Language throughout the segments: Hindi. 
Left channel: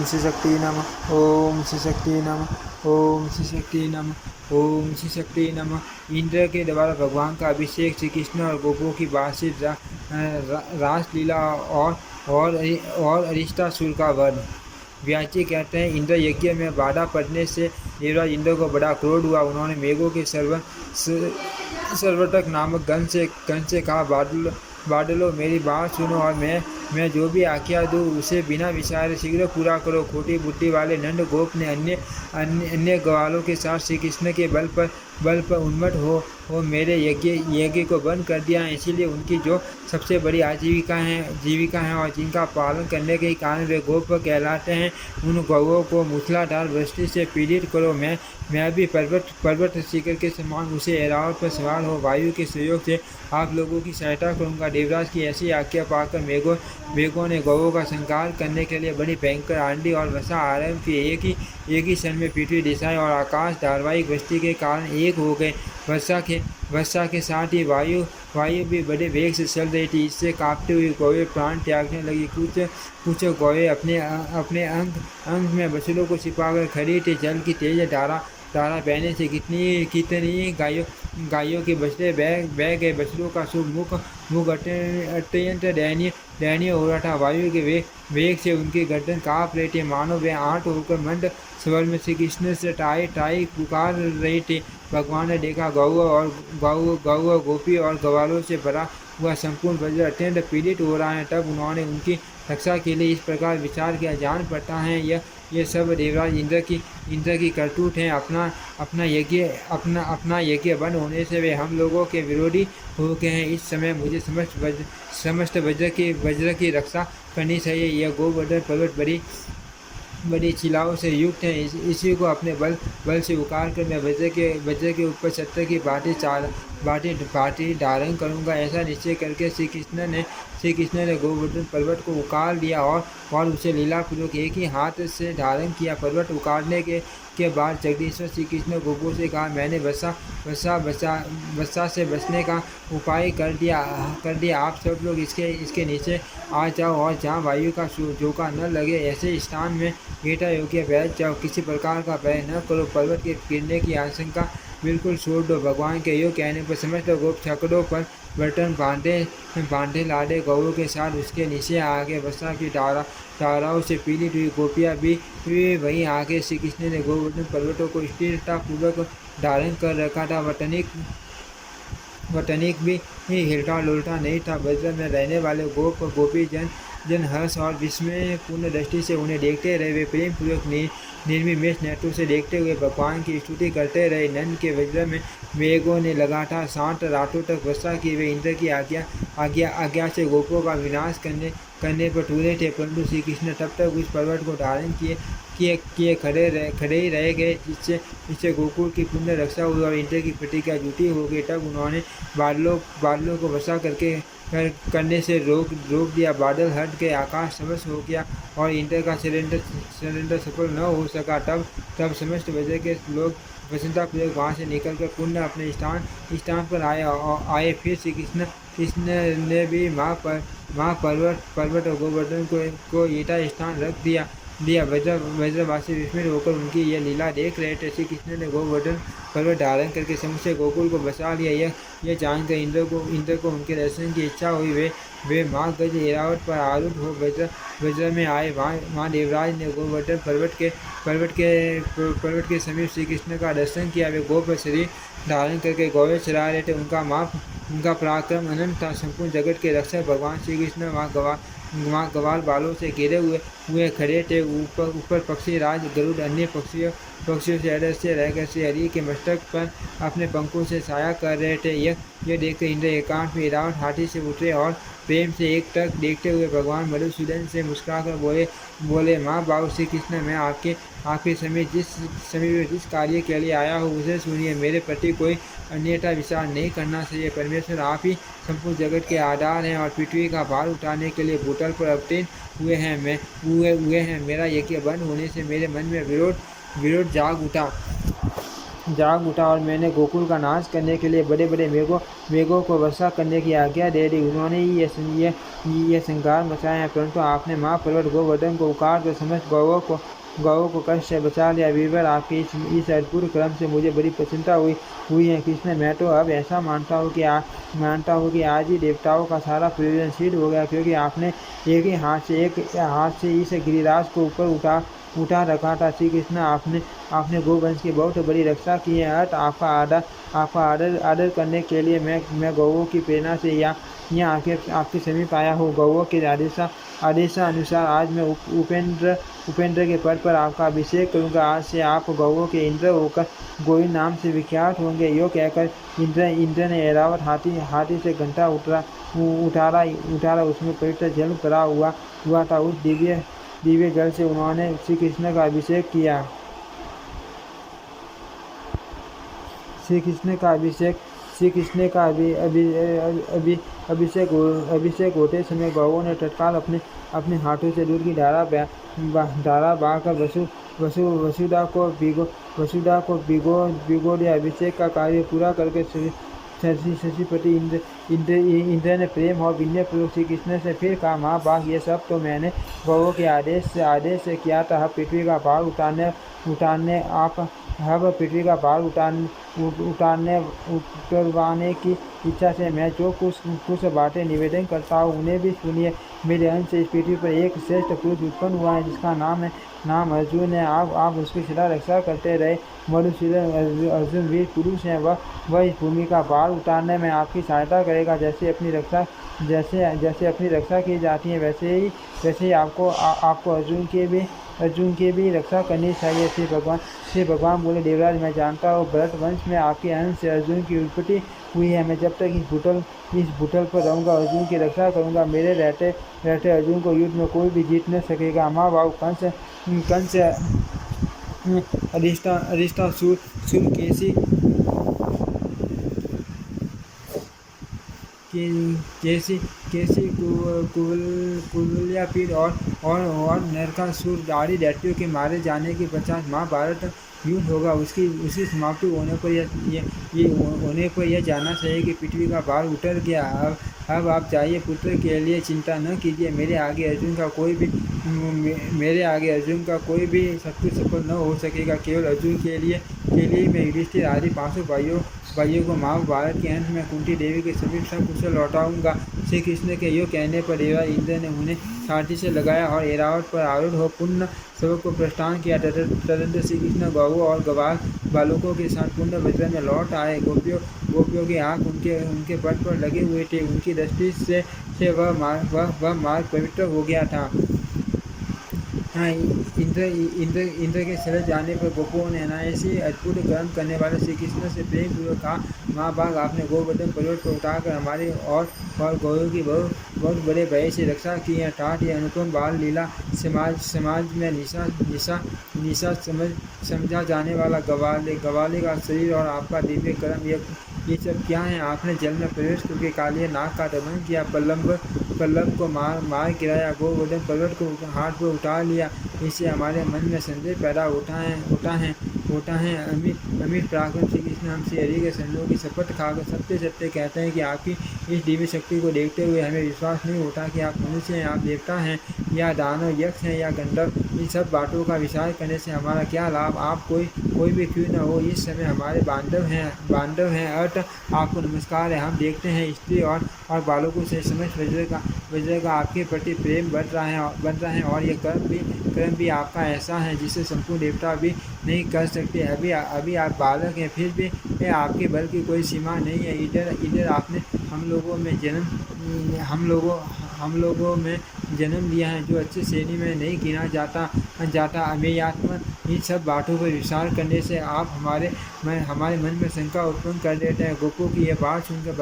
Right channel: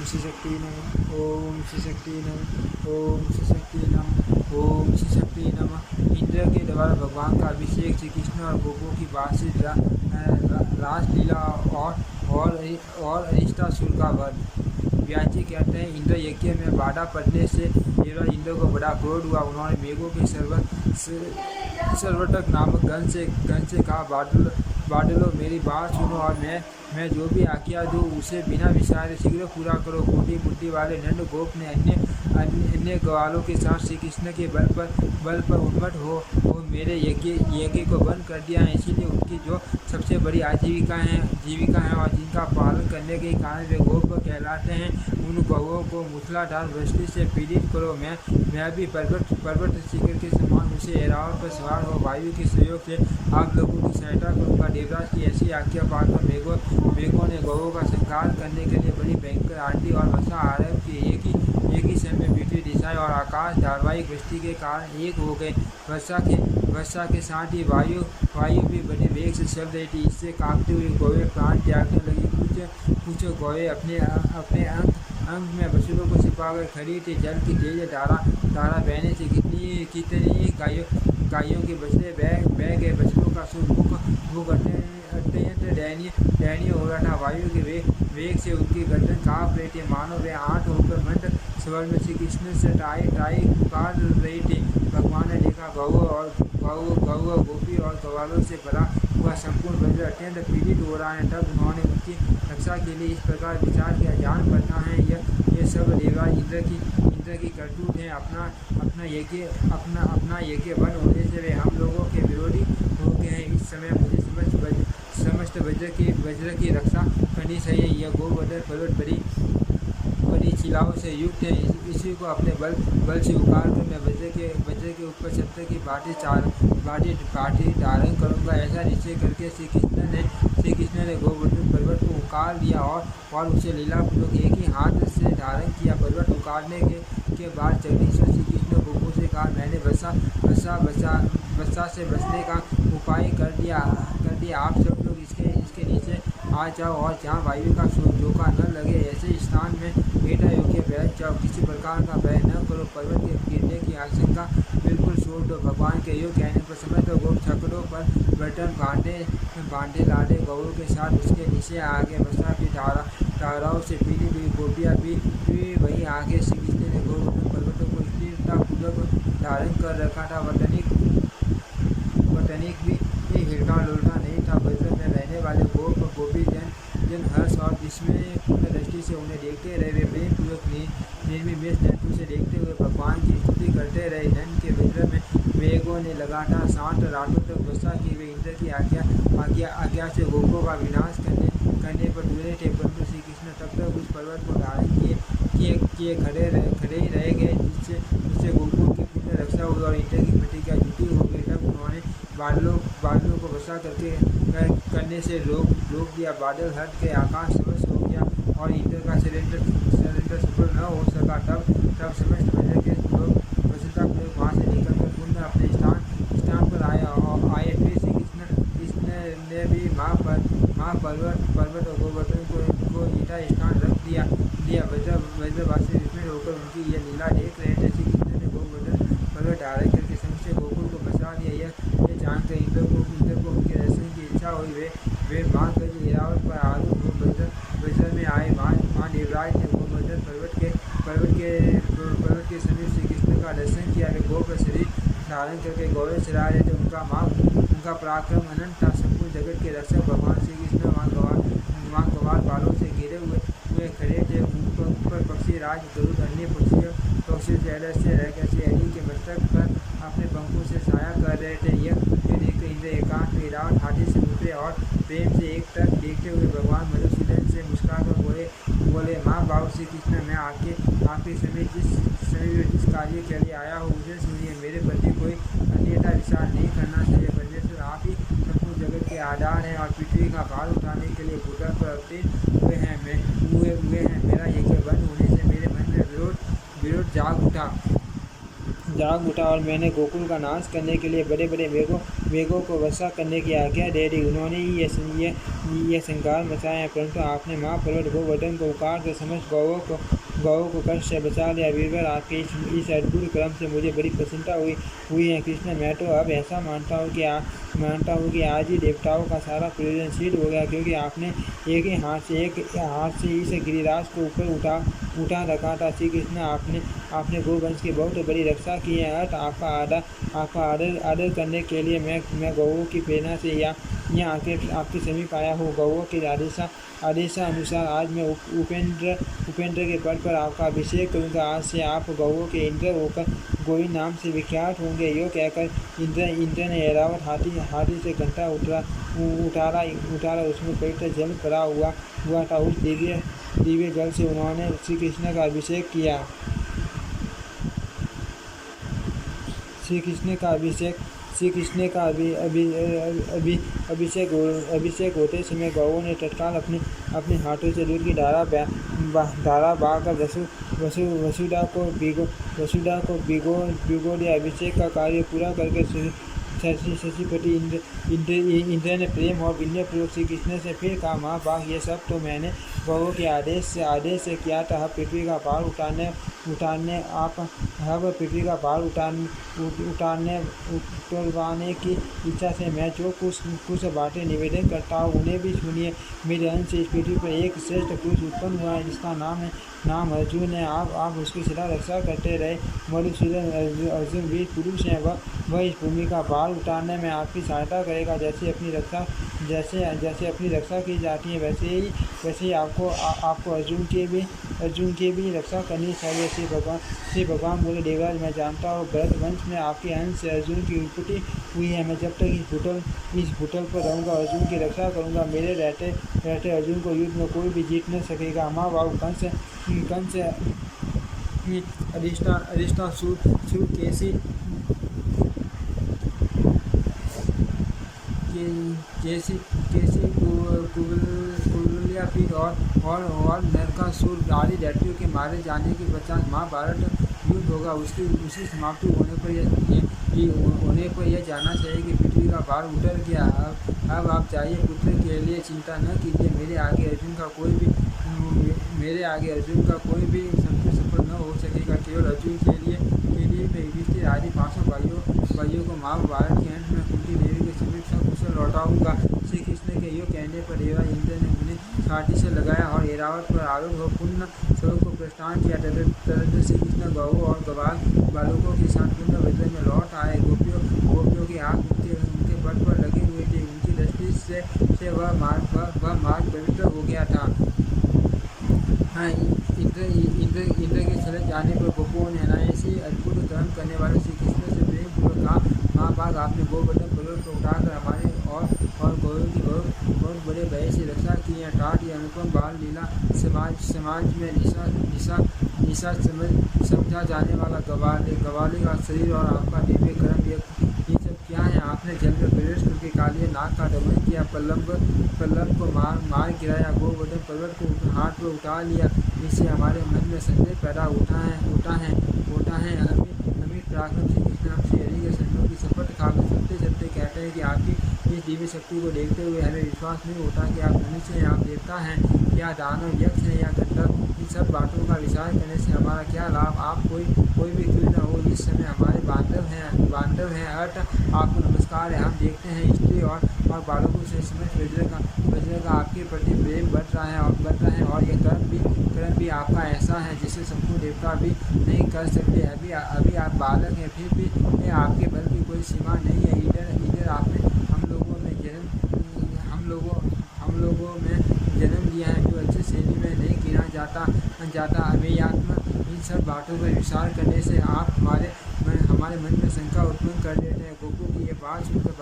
ओम श्री शक्ति नमः। ओम श्री शक्ति नमः। ओम श्री शक्ति नमः। ओम श्री शक्ति नमः। इंद्र के द्वारा भगवान का अभिषेक, श्री कृष्ण और गोपों की वार्षिक रासलीला और अरिष्टासुर का वध। व्याची कहते हैं, इंद्र यज्ञ में बाधा पड़ने से देवराज इंद्र को बड़ा क्रोध हुआ। उन्होंने मेघों के सर्वटक नामक गण से कहा, बादलों मेरी बात सुनो और मैं जो भी आज्ञा दूँ उसे बिना विचारे शीघ्र पूरा करो। खोटी बुद्धि वाले नंद गोप ने अन्य ग्वालों के साथ श्री कृष्ण के बल पर उन्मत्त हो मेरे यज्ञ को बंद कर दिया है। इसीलिए उनकी जो सबसे बड़ी आजीविका है और जिनका पालन करने के कारण वे गोप कहलाते हैं, उन गौओं को मूसलाधार वृष्टि से पीड़ित करो। मैं भी पर्वत शिखर के समान उसे ऐरावत पर सवार हो वायु के सहयोग से आप लोगों की सहायता करूंगा। देवराज की ऐसी आज्ञा पाकर मेघों ने गौओं का संहार करने के लिए बड़ी भयंकर आंधी और वर्षा आरंभ की। एक ही क्षण में पृथ्वी दिशाएं और आकाश धारावाहिक वृष्टि के कारण एक हो गए। वर्षा के साथ ही वायु भी बड़े वेग से चल रही थी। इससे कांपते हुए गौएं प्राण त्यागने लगी। कुछ गौएं अपने अंग में बछड़ों को छिपाकर खड़ी थी। जल की तेज धारा बहने से कितनी गायों के बछड़े बह गए। बछड़ों का शुभ मुख अत्यंत दयनीय हो रहा था। वायु के वेग से उनकी गर्दन काँप रही थी, मानो वे आठ होकर मंद स्वर में श्री कृष्ण से टाई पुकार रही थी। भगवान ने देखा गौ गोपी और ग्वालों से भरा हुआ संपूर्ण ब्रज अत्यंत पीड़ित हो रहा है। तब उन्होंने उनकी रक्षा के लिए इस प्रकार विचार किया, जान पड़ता है यह सब देवराज इंद्र की करतूत है। अपना यज्ञ बंद होने से वे हम लोगों के विरोधी हो गए हैं। इस समय मुझे समस्त वज्र की रक्षा करनी चाहिए। यह गोवर्धन पर्वत बड़ी शिलाओं से युक्त है। इसी को अपने बल से उखाड़ कर मैं वज्र के ऊपर छत्र की पाटी धारण करूंगा। ऐसा निश्चय करके श्री कृष्ण ने गोवर्धन पर्वत को उखाड़ लिया और उसे लीलापूर्वक एक ही हाथ से धारण किया। पर्वत उखाड़ने के बाद जगदीश्वर श्री कृष्ण गोपों से कहा, मैंने वर्षा से बचने का उपाय कर दिया। आप सब लोग इसके नीचे आ जाओ और जहाँ वायु का झोंका न लगे ऐसे स्थान में बेटा योग्य बैठ जाओ। किसी प्रकार का भय न करो। पर्वत के गिरने की आशंका बिल्कुल छोड़ दो। भगवान के योग कहने पर समस्त गोप छकड़ों पर बर्तन बांधे लादे गौओं के साथ उसके नीचे आगे। वर्षा की धाराओं से पीड़ित हुई गोपियाँ भी वहीं आगे। श्री कृष्ण ने गोवर्धन पर्वतों को स्थिरतापूर्वक धारण कर रखा था। वतनिक भी हिलता डुलता नहीं था। वज्र में रहने वाले गोपी जन हर्ष और विस्मय पूर्ण दृष्टि से उन्हें देखते रहे। वे प्रेम पूर्वक निर्विमेष नेत्रों से देखते हुए भगवान की स्तुति करते रहे। नंद के वज्र में मेघों ने लगातार 7 रातों तक वर्षा की। वे इंद्र की आज्ञा से गोपों का विनाश करने पर तुले थे, परंतु श्री कृष्ण तब तक उस पर्वत को धारण किए खड़े ही रह गए, जिससे गोकुल की पुण्य रक्षा हुई और इंद्र की प्रतिज्ञा झूठी हो गई। तब उन्होंने बादलों को वर्षा करने से रोक दिया। बादल हट के आकाश समस्त हो गया और इंद्र का सिलेंडर सफल न हो सका। तब समस्त वज्र के लोग प्रसन्नतापूर्वक वहाँ से निकलकर पुनः अपने स्थान पर आए। फिर श्री कृष्ण ने भी माँ पर्वत और गोवर्धन को यथा स्थान रख दिया। वज्रवासी विस्मित होकर उनकी यह लीला देख रहे थे। श्री कृष्ण ने गोवर्धन पर्वत धारण करके समूचे गोकुल को बसा लिया। यह जानकर इंद्र को उनके दर्शन की इच्छा हुई। वे माँ गज ऐरावत पर आरूढ़ हो वज्र में आए। वहाँ देवराज ने गोवर्धन पर्वत के समीप श्री कृष्ण का दर्शन किया। वे गोप शरीर धारण करके गौएं चरा रहे थे। उनका पराक्रम अनंत था। संपूर्ण जगत के रक्षक भगवान श्री कृष्ण वहाँ गवार बालों से घिरे हुए खड़े थे। ऊपर पक्षी राज गरुड़ अन्य पक्षियों से अदृश्य रहकर श्री हरि के मस्तक पर अपने पंखों से छाया कर रहे थे। यह देखकर इंद्र एकांत में ऐरावत हाथी से उतरे और प्रेम से एक टक देखते हुए भगवान मधुसूदन से मुस्कुराकर बोले, माँ बाबू श्री कृष्ण, मैं आपके समीप जिस कार्य के लिए आया हूँ उसे सुनिए। मेरे प्रति कोई अन्यथा विचार नहीं करना चाहिए। परमेश्वर आप ही संपूर्ण जगत के आधार हैं और पृथ्वी का भार उठाने के लिए भूतल पर अवतीर्ण हुए हैं। मेरा यज्ञ बंद होने से मेरे मन में विरोध जाग उठा। जाग उठा और मैंने गोकुल का नाश करने के लिए बड़े बड़े मेघों को वर्षा करने की आज्ञा दे दी। उन्होंने ही ये संहार मचाया, परंतु आपने महापर्वत गोवर्धन को उखाड़ कर समस्त गौओं को कष्ट से बचा लिया। वीरवर, आपके इस अद्भुत क्रम से मुझे बड़ी प्रसन्नता हुई है कृष्ण। मैं तो अब ऐसा मानता हूँ कि आज ही देवताओं का सारा प्रयोजन सिद्ध हो गया, क्योंकि आपने एक ही हाथ से इस गिरिराज को ऊपर उठा रखा था। श्री कृष्ण, आपने गोवंश की बहुत बड़ी रक्षा की है। अर्थ आपका आदर करने के लिए मैं गौओं की प्रेरणा से यहाँ आपके समीप आया हूँ। गौओं के आदेशानुसार आज मैं उपेंद्र के पद पर आपका अभिषेक करूँगा। आज से आप गौओं के इंद्र होकर गोविंद नाम से विख्यात होंगे। यो कहकर इंद्र ने ऐरावत हाथी से घंटा उतारा। उसमें पवित्र जल भरा हुआ था। उस दिव्य जल से उन्होंने श्री कृष्ण का अभिषेक किया। श्री कृष्ण का अभिषेक होते समय गौओं ने तत्काल अपने हाथों से दूध की धारा बहाकर वसुधा को भिगो दिया। अभिषेक का कार्य पूरा करके शशिपति इंद्र ने प्रेम और विनय पूर्वक श्री कृष्ण से फिर कहा, महाभाग, ये सब तो मैंने गौओं के आदेश से किया था। पृथ्वी का भार उतरवाने की इच्छा से मैं जो कुछ बातें निवेदन करता हूँ उन्हें भी सुनिए। मेरे अंश से इस पृथ्वी पर एक श्रेष्ठ पुरुष उत्पन्न हुआ है, जिसका नाम अर्जुन है। आप उसकी सदा रक्षा करते रहे। मधुसूदन अर्जुन वीर पुरुष हैं। वह इस भूमि का भार उतारने में आपकी सहायता करेगा। जैसे अपनी रक्षा की जाती है, वैसे ही आपको अर्जुन की भी रक्षा करनी चाहिए। श्री भगवान बोले, देवराज, मैं जानता हूँ भरत वंश में आपके अंश से अर्जुन की उत्पत्ति हुई है। मैं जब तक इस भूतल पर रहूँगा अर्जुन की रक्षा करूँगा। मेरे रहते अर्जुन को युद्ध में कोई भी जीत न सकेगा। महाबाहु कंस अधिष्ठासूर केसी कुवलयापीठ और नरकासुर आदि दैत्यों के मारे जाने के पश्चात महाभारत युद्ध होगा। उसकी समाप्ति होने पर यह जानना चाहिए कि पृथ्वी का भार उतर गया। अब आप जाइए, पुत्र के लिए चिंता न कीजिए। मेरे आगे अर्जुन का कोई भी शत्रु सफल न हो सकेगा। केवल अर्जुन के लिए मैं युधिष्ठिर आदि 500 भाइयों को महाभारत के अंत में कुंती देवी के समीप सकुशल लौटाऊंगा। श्री कृष्ण के यो कहने पर देवराज इंद्र ने उन्हें छाती से लगाया और ऐरावत पर आरूढ़ हो पुण्य सबक को प्रस्थान किया। तदनंतर श्री कृष्ण गौओं और गवाल बालकों के साथ पुण्य वज्र में लौट आए। गोपियों की आँख उनके पद पर लगे हुए थे। उनकी दृष्टि से वह मार्ग पवित्र हो गया था। हाँ, इंद्र के चले जाने पर गोपों ने अनायासी अद्भुत कर्म करने वाले श्री कृष्ण से प्रेम पूर्वक कहा, महाभाग, आपने गोवर्धन पर्वत को उठाकर हमारे और गौरव की बहुत बड़े भय से रक्षा की है। ठाठ ये अनुपम बाल लीला समाज में निशा समझा जाने वाला गवाले का शरीर और आपका दिव्य कर्म, ये सब क्या है? आपने जल में प्रवेश करके कालिया नाग का दमन किया, पल्लव को मार गिराया, गोवर्धन पर्वत को हाथ पर उठा लिया। इससे हमारे मन में संदेह पैदा होता है। अमित पराक्रम श्री कृष्ण हम श्री हरि के चरणों की शपथ खाकर सत्य कहते हैं कि आपकी इस दिव्य शक्ति को देखते हुए हमें विश्वास नहीं होता कि आप मनुष्य हैं, आप देवता हैं या दानव, यक्ष हैं या गंधर्व। इन सब बातों का विचार करने से हमारा क्या लाभ? आप कोई भी क्यों न हो, इस समय हमारे बांधव हैं। अर्थ आपको नमस्कार है। हम देखते हैं स्त्री और बालकों से समस्त वज्र का आपके प्रति प्रेम बढ़ रहा है और यह कर्म भी आपका ऐसा है जिसे संपूर्ण देवता भी नहीं कर सकते। अभी आप बालक हैं, फिर भी आपके बल की कोई सीमा नहीं है। इधर आपने हम लोगों में जन्म लिया है जो अच्छी श्रेणी में नहीं गिना जाता। अमेयात्मा इन सब बातों पर विचार करने से आप हमारे मन में शंका उत्पन्न कर देते हैं। गोपों की यह बात सुनकर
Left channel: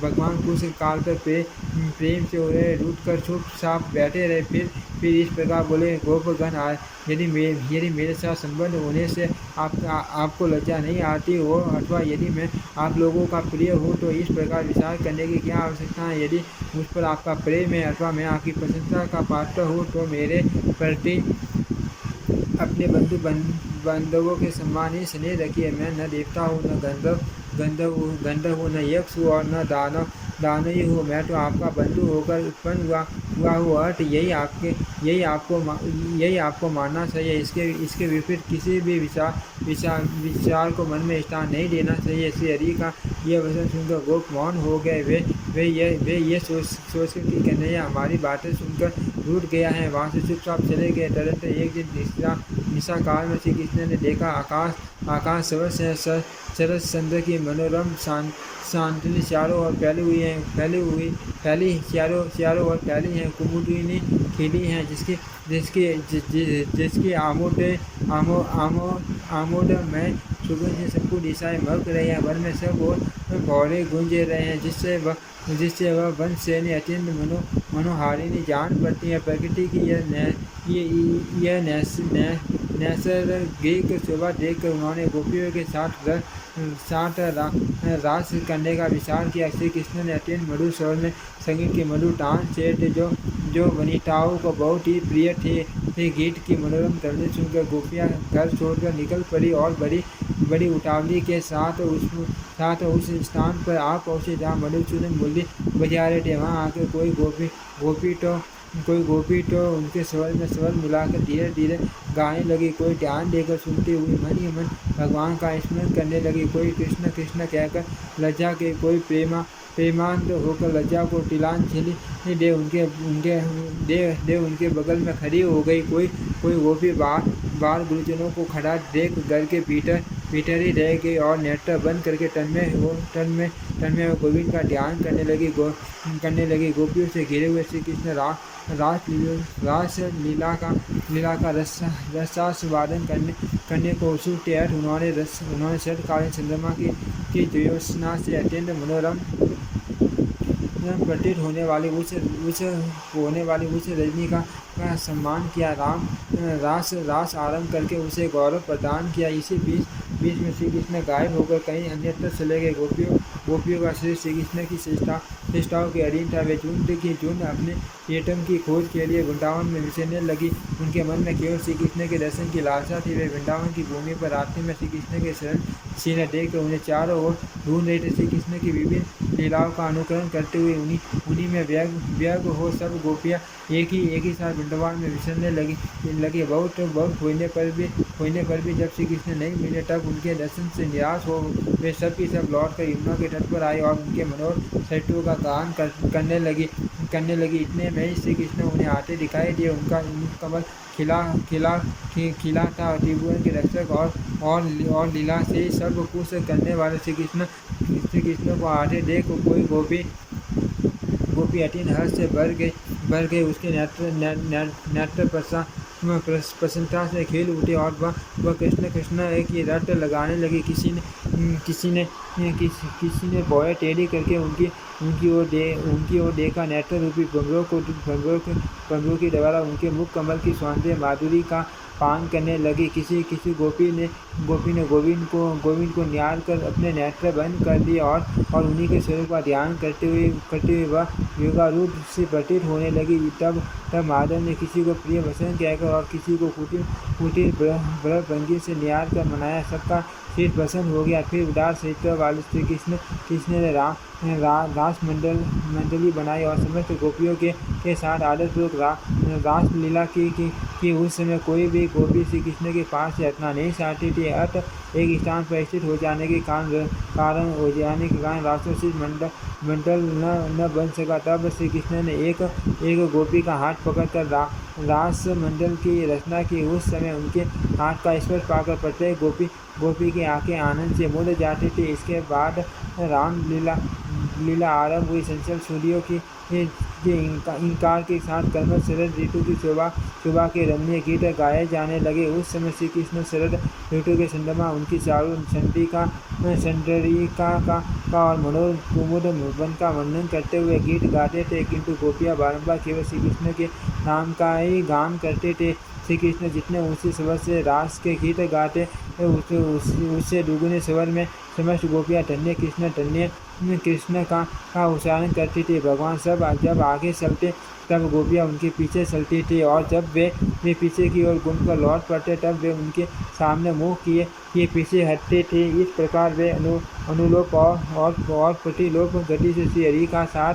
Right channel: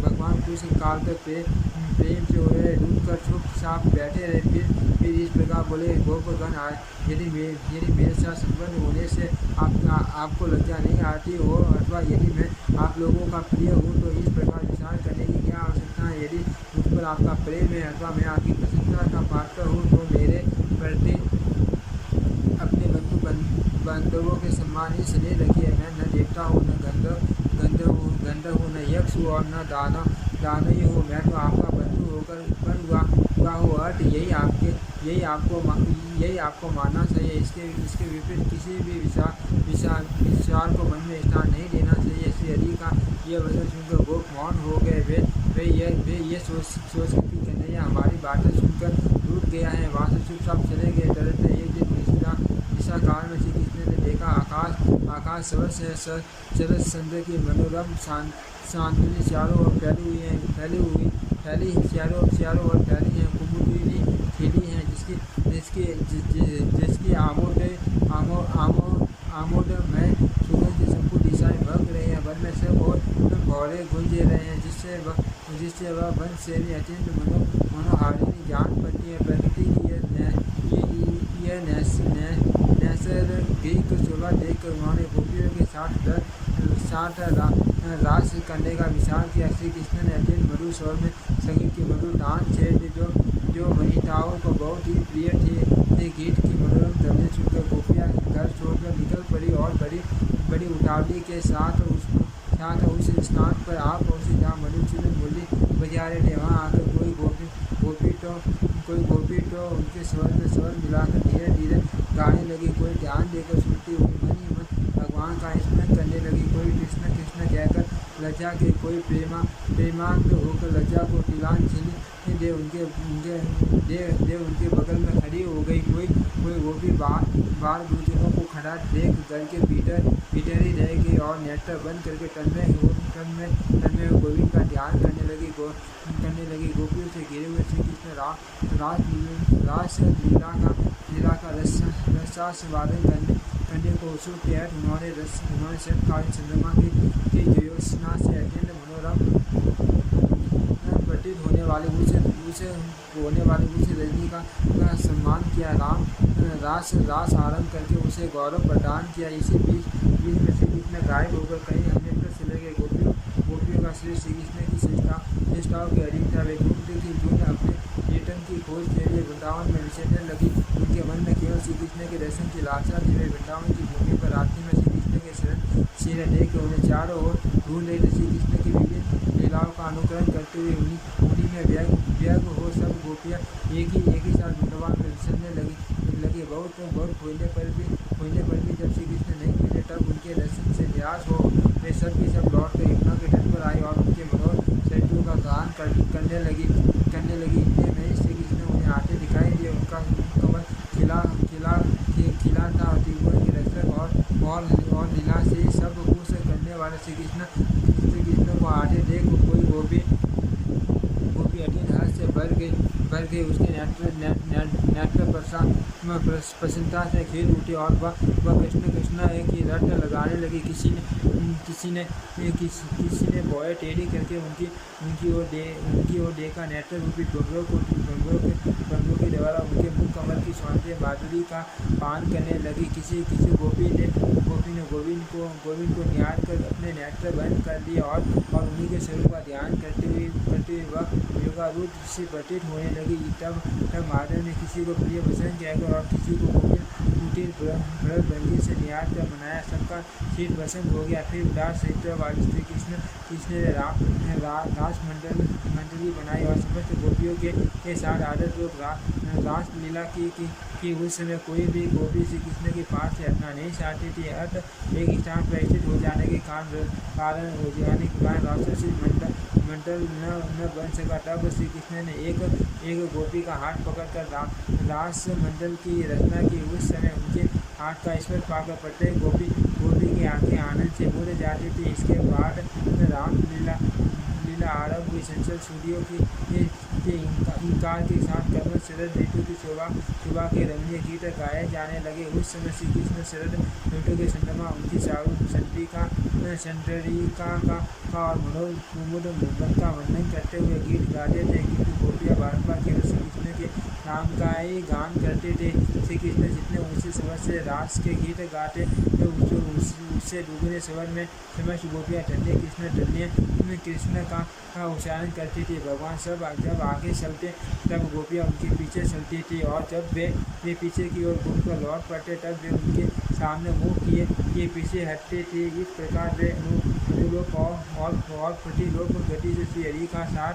भगवान कुछ काल तक प्रेम से उन्हें रूठ कर चुपचाप बैठे रहे। फिर इस प्रकार बोले, गोपगण, यदि मेरे साथ संबंध होने से आपको लज्जा नहीं आती हो अथवा यदि मैं आप लोगों का प्रिय हूँ तो इस प्रकार विचार करने की क्या आवश्यकता है? यदि मुझ पर आपका प्रेम है अथवा मैं आपकी प्रशंसा का पात्र हूँ तो अपने बांधवों के सम्मान ही स्नेह रखिए। मैं न देवता हूँ, न गंधर्व हूँ, न यक्ष हूँ और न दानव ही हूँ। मैं तो आपका बंधु होकर उत्पन्न हुआ हूँ। अर्थ यही आपको मानना चाहिए। इसके विपरीत किसी भी विचार को मन में स्थान नहीं देना चाहिए। श्री हरि का यह वचन सुनकर गोप मौन हो गए। वे ये सोचकर कि कन्हैया हमारी बातें सुनकर रूठ गया है, वहाँ से चुपचाप चले गए। तदंतर एक दिन निशा काल में श्री कृष्ण ने देखा आकाश शरद चंद्र की मनोरम चांदनी चारों ओर चारों ओर फैली हैं। कुमुदिनी खिली हैं, जिसकी आमोद में सुगंध से संपूर्ण दिशाएं महक रही हैं। वन में सब और भौरे गूंज रहे हैं, जिससे वह वन श्रेणी अत्यंत मनोहारिणी जान पड़ती है। प्रकृति की यह नैसर्गिक शोभा देखकर उन्होंने गोपियों के साथ रास करने का विचार किया। श्री कृष्ण ने अत्यंत मधुर स्वर में संगीत की मधुर तान छेड़े जो वनिताओं को बहुत ही प्रिय थे। गीत की मनोरम ध्वनि सुनकर गोपियाँ घर छोड़कर निकल पड़ी और बड़ी उतावली के साथ उस स्थान पर आ पहुँचे जहाँ मधुसूदन मुरली बजा रहे थे। वहाँ आकर कोई गोपी तो उनके स्वर में स्वर मिलाकर धीरे धीरे गाने लगी। कोई ध्यान देकर सुनती हुई मन ही मन भगवान का स्मरण करने लगी। कोई कृष्ण कृष्ण कहकर लज्जा के, कोई प्रेमांत होकर लज्जा को तिलांजलि दे उनके बगल में खड़ी हो गई। कोई गोपी बाल गुरुजनों को खड़ा देख घर के भीतर ही रह गई और नेत्र बंद करके तन में गोविंद का ध्यान करने लगी। गोपियों से घिरे हुए श्री कृष्ण रास लीला का रसास्वादन करने को उत्सुक थे। उन्होंने शरतकालीन चंद्रमा की ज्योत्सना से अत्यंत मनोरम प्रतीत होने वाली उस रजनी का सम्मान किया। रास आरंभ करके उसे गौरव प्रदान किया। इसी बीच में श्री कृष्ण गायब होकर कहीं अन्यत्र चले गए। गोपियों का श्री कृष्ण की चेष्टाओं के अधीन था। वे झुंड अपने प्रियतम की खोज के लिए वृंदावन में विचरने लगी। उनके मन में केवल श्री कृष्ण के दर्शन की लालसा थी। वे वृंदावन की भूमि पर रात्रि में श्री कृष्ण के शरण सीने देखकर उन्हें चारों ओर ढूंढ रहे थे। श्री कृष्ण की विभिन्न लीलाओं का अनुकरण करते हुए उन्हीं में व्यग्र हो सब गोपियाँ एक ही साथ वृंदावन में विचरने लगी। बहुत होने पर भी जब श्री कृष्ण नहीं मिले तब उनके दर्शन से निराश हो वे सब की सब लौटकर यमुना के तट पर आए और उनके मनोहर चरित्रों का गान करने लगी। इतने में ही श्री कृष्ण उन्हें आते दिखाई दिए। उनका कमल खिला था। त्रिभुवन के रक्षक और लीला से सब कुछ करने वाले श्री कृष्ण को आते देख कोई गोपी अतीन हर्ष से भर गए। उसके नेत्र प्रसन्नता से खिल उठे और वह कृष्ण एक ही रट लगाने लगी। किसी ने भौएं टेढ़ी करके उनकी ओर देखा। नेत्र रूपी भंवरों के द्वारा उनके मुख कमल की सौंदर्य माधुरी का पान करने लगी। किसी गोपी ने गोविंद को निहार कर अपने नेत्र बंद कर लिए और उन्हीं के स्वरूप का ध्यान करते हुए वह योगारूढ़ से प्रतीत होने लगी। तब माधव ने किसी को प्रिय वचन कहकर और किसी को कुटिल भंगी से निहार कर मनाया। सबका शीत प्रसन्न हो गया। फिर उदास चरित्र वाले श्री कृष्ण ने रास मंडली बनाई और समस्त गोपियों के साथ आदरपूर्वक रास लीला की। उस समय कोई भी गोपी श्री कृष्ण के पास से हटना नहीं चाहती थी। एक स्थान पर स्थित हो जाने के कारण रासोचित मंडल न बन सका। तब श्री कृष्ण ने एक गोपी का हाथ पकड़कर रास मंडल की रचना की। उस समय उनके हाथ का स्पर्श पाकर प्रत्येक गोपी की आंखें आनंद से मुड़ जाती थी। इसके बाद राम लीला आरंभ हुई। चंचल सूर्यों के इंकार के साथ कमल शरद ऋतु की शोभा के रमणीय गीत गाए जाने लगे। उस समय श्री कृष्ण शरद ऋतु के चंद्रमा उनकी चारु चंद्रिका का और मनोर वन का वर्णन करते हुए गीत गाते थे। किंतु गोपियाँ बारंबार केवल श्री कृष्ण के नाम का ही गान करते थे। श्री कृष्ण जितने ऊँचे स्वर से रास के गीत गाते उससे दुगुने स्वर में समस्त गोपियाँ धन्य कृष्ण का उच्चारण करती थी। भगवान सब जब आगे चलते तब गोपियाँ उनके पीछे चलती थी, और जब वे पीछे की ओर घूमकर लौट पड़ते तब वे उनके सामने मुँह किए पीछे हटते थे। इस प्रकार वे अनुलोप और प्रतिलोप गति से श्री हरि का साथ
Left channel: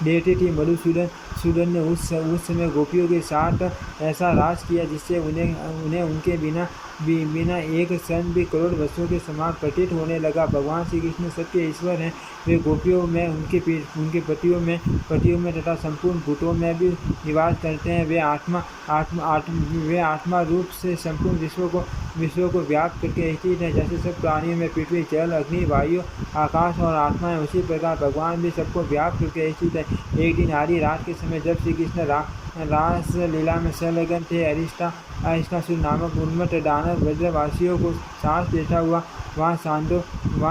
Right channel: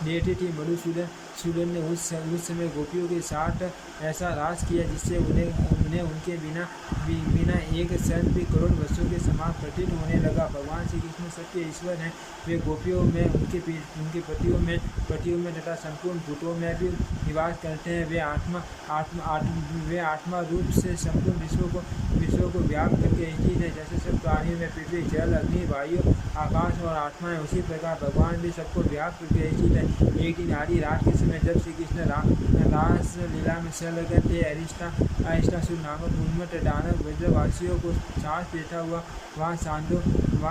देते थी। मधुसूदन ने उस समय गोपियों के साथ ऐसा रास किया जिससे उन्हें उनके बिना एक क्षण भी करोड़ वर्षों के समान प्रतीत होने लगा। भगवान श्री कृष्ण सबके ईश्वर हैं। वे गोपियों में, उनके पतियों में तथा संपूर्ण भूतों में भी निवास करते हैं। वे आत्मा रूप से संपूर्ण विश्व को व्याप्त करके स्थित हैं। जैसे सब प्राणियों में पृथ्वी, जल, अग्नि, वायु, आकाश और आत्मा है, उसी प्रकार भगवान भी सबको व्याप्त करके स्थित है। एक दिन आधी रात के समय जब श्री कृष्ण रास लीला में संलग्न थे, अरिष्टासुर नामक उन्मत्त दानव ब्रजवासियों को साथ देता हुआ वहाँ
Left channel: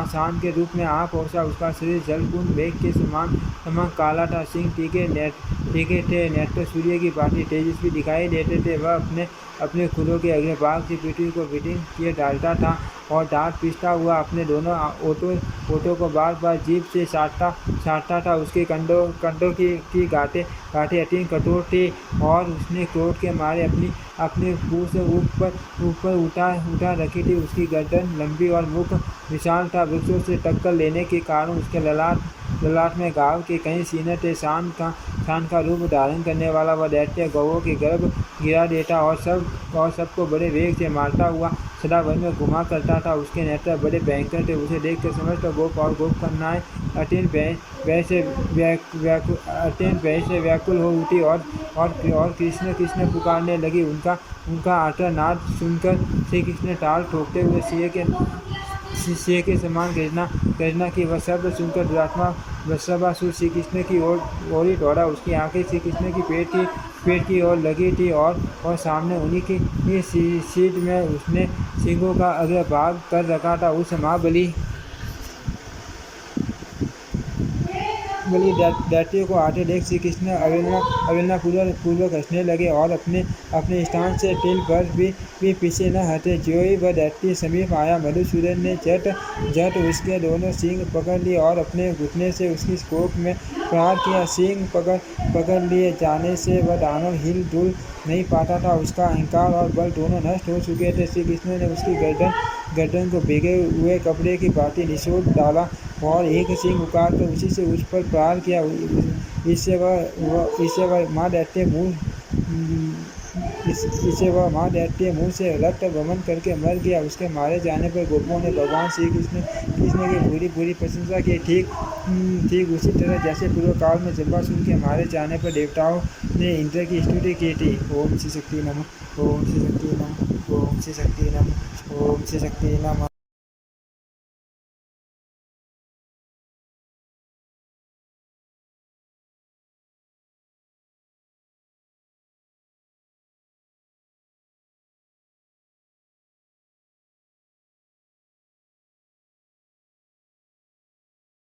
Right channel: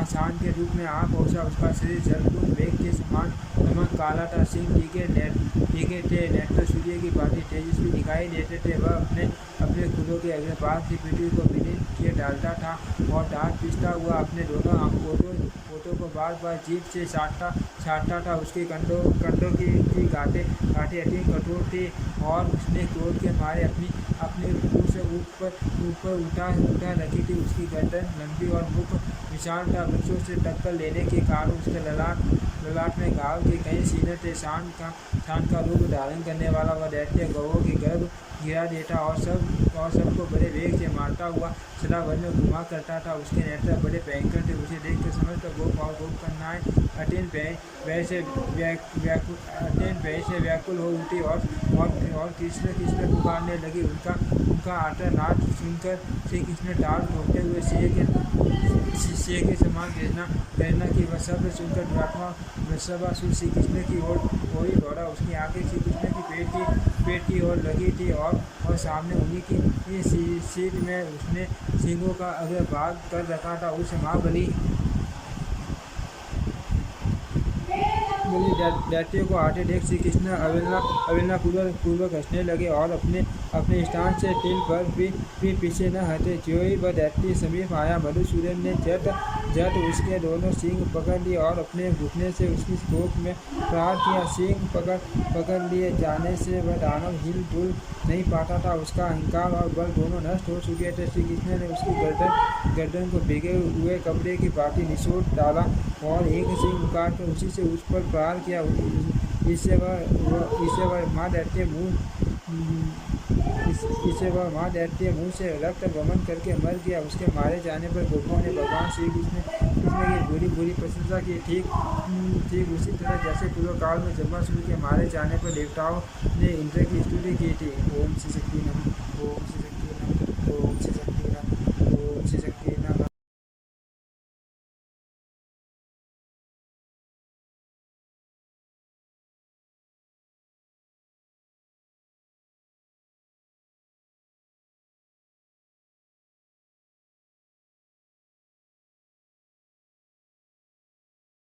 शांत के रूप में आ पहुँचा। उसका शरीर जलपूर्ण मेघ के समान काला था। सिंह टीके थे, नेत्र सूर्य की भांति तेजस्वी दिखाई देते थे। वह अपने खुरों के अग्रभाग से पृथ्वी को विदीर्ण किए डालता था और दांत पीसता हुआ अपने दोनों ओठों को बार बार जीभ से छाटता था। उसके कंधों की गांठें अत्यंत कठोर थी और उसने क्रोध के मारे अपने मुँह से ऊपर उठा रखी थी। उसकी गर्दन लंबी और मुख विशाल था। वृक्षों से टक्कर लेने के कारण उसके ललाट में घाव के कई सीने थे। शान का रूप धारण करने वाला वह दैत्य गौओं के गर्भ गिरा देता और सबको बड़े वेग से मारता हुआ सदा वन में घुमा करता था। उसके नेत्र बड़े भयंकर थे। उसे देखकर समस्त गोप और गोपकन्याएं अत्यंत भय से व्याकुल हो उठी और कृष्ण पुकारने लगी। उनका आर्तनाद सुनकर श्री कृष्ण ताल ठोकते हुए सिंह के समान गर्जना की। वह शब्द सुनकर दुरात्मा वृषभासुर श्री कृष्ण की ओर ही दौड़ा। उसकी आंखें श्री कृष्ण की पेट की ओर लगी थी और सामने उन्हीं की सीट में उसने सिंहों का अग्रभाग कर रखा था। उस महाबली दैत्य को आते देख श्री कृष्ण अवहेलना पूर्वक हंसने लगे और अपने स्थान से तिल पर भी पीछे न हटे। ज्यों ही वह दैत्य समीप आया, मधुसूदन ने झट उसके दोनों सींग पकड़ लिए और अपने घुटने से उसकी कोख में प्रहार किया। सींग पकड़ लिए जाने से वह दानव हिल डुल नहीं पाता था। उसका अहंकार और बल दोनों नष्ट हो चुके थे। श्री कृष्ण ने उसकी गर्दन को भीगे हुए कपड़े की भांति निचोड़ डाला और एक सींग उखाड़कर उसी से उस पर प्रहार किया। इससे वह माँ दैत्य मुँह से रक्त गमन करके मर गया। उसके मारे जाने पर गोपों ने भगवान श्री कृष्ण की बुरी प्रशंसा की। ठीक उसी तरह जैसे पूर्व काल में जम्बासुर के मारे जाने पर देवताओं ने इंद्र की स्तुति की थी। ओम श्री शक्ति नमः, ओम श्री शक्ति नमः, ओम श्री शक्ति नमः, ओम श्री शक्ति नमः।